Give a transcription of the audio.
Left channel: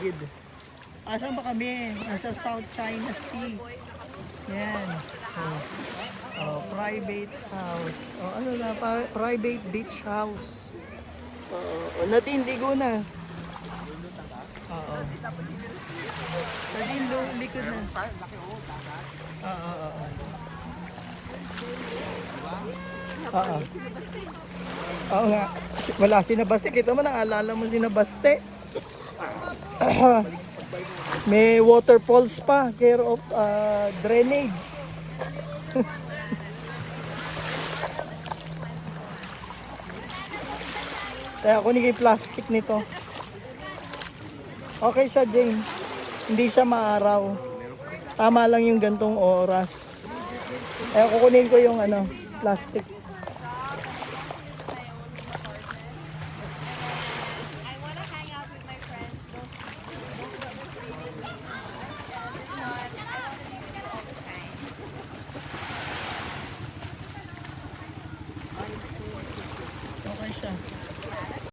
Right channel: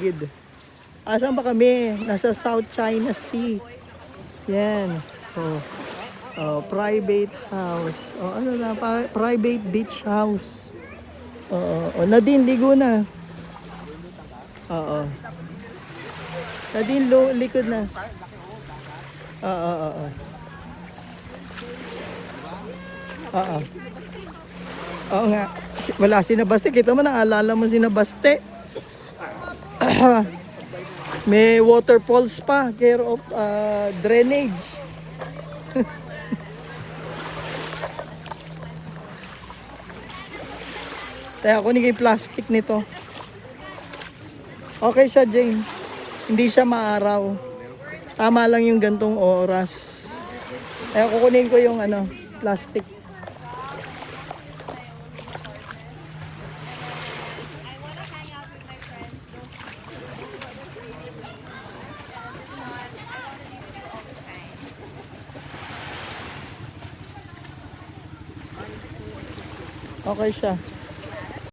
paligid. Asan ba kami? Nasa South China Sea. Yan. Private house. Ano na? Private beach house. Nadine, ligo na. Nadine, likod na. Oo nga. Wala sinabaste. Kita mo, naalala mo sinabaste. May waterfalls pa. Care of drainage. Kaya ako ni kay plastic nito. Okay siya, Jane. Hindi siya maaraw. Tama lang yung gantong oras. Kaya kukunin ko yung plastic. Okay siya.